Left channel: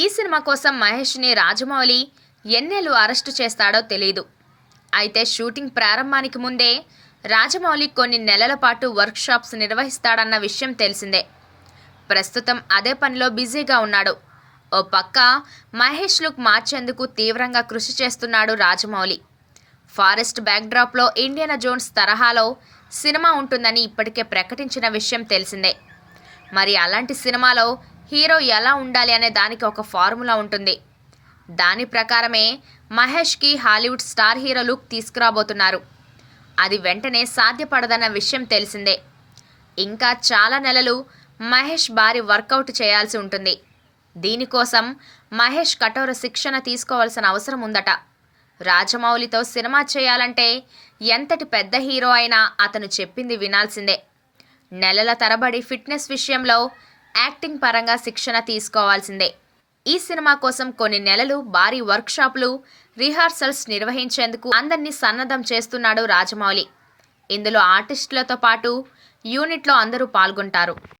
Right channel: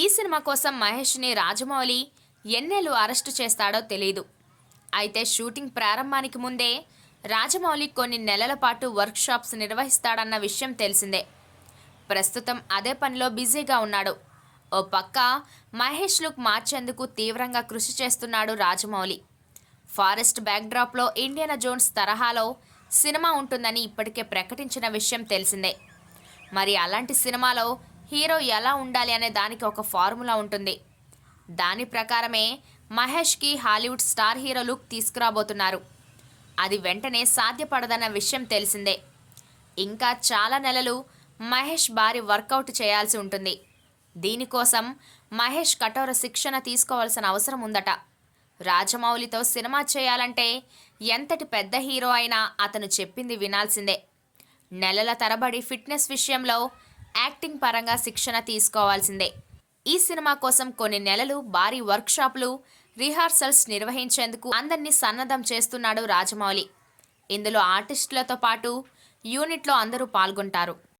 ఈ సినిమా కోసం మహేష్ని రాజమౌళి ఎన్నేళ్ళు అరెస్టు చేస్తాడో తెలియదు. అయితే షూటింగ్ ప్రారంభానికి ముందే రాజమౌళి కొన్ని నెలల పాటు వర్క్షాప్స్ నిర్వహిస్తాడన్న విషయం తెలిసిందే. ప్రస్తుతం అదే పనిలో బిజీగా ఉన్నాడు. ఓ పక్క మహేష్ లుక్ మార్చేందుకు తీవ్రంగా కృషి చేస్తున్నాడు రాజమౌళి. ఫారెస్ట్ బ్యాక్డ్రాప్లో ఇండియానా జోన్స్ తరహాలో సినిమా ఉంటుందని ఇప్పటికే ప్రకటించిన విషయం తెలిసిందే. మరి అలాంటి సినిమాలో హీరో ఎలా ఉండాలి అనే దానికి ఒక ఫార్ములా ఉంటుంది. దాని ప్రకారమే మహేష్కి హాలీవుడ్ స్టార్ హీరో లుక్ తీసుకురాబోతున్నారు. అది వెంటనే సాధ్యపడదన్న విషయం తెలిసిందే. ఇంకా చాలా నెలలు మహేష్ భారీ వర్కౌట్ చేయాల్సి ఉంటుంది. దీనికోసం మహేష్ కఠోర శిక్షణ తీసుకోవాల్సిన అవసరం ఉందట. రాజమౌళితో సినిమా చేయాలంటే ఎంతటి పెద్ద హీరో అయినా అతను చెప్పింది వినాల్సిందే. నెలల తరబడి ఫిట్నెస్ విషయంలో యాక్టింగ్ పరంగా శిక్షణ తీసుకోవాల్సిందే. ఈ సినిమా కోసం కొన్ని నెలలు భారీ వర్క్షాపులు, రిహార్సల్స్ నిర్వహించేందుకు అందరినీ సన్నద్ధం చేస్తున్నాడు రాజమౌళి. ఇందులో ఆర్టిస్టులతో పాటు యూనిట్లో అందరూ పాల్గొంటారు.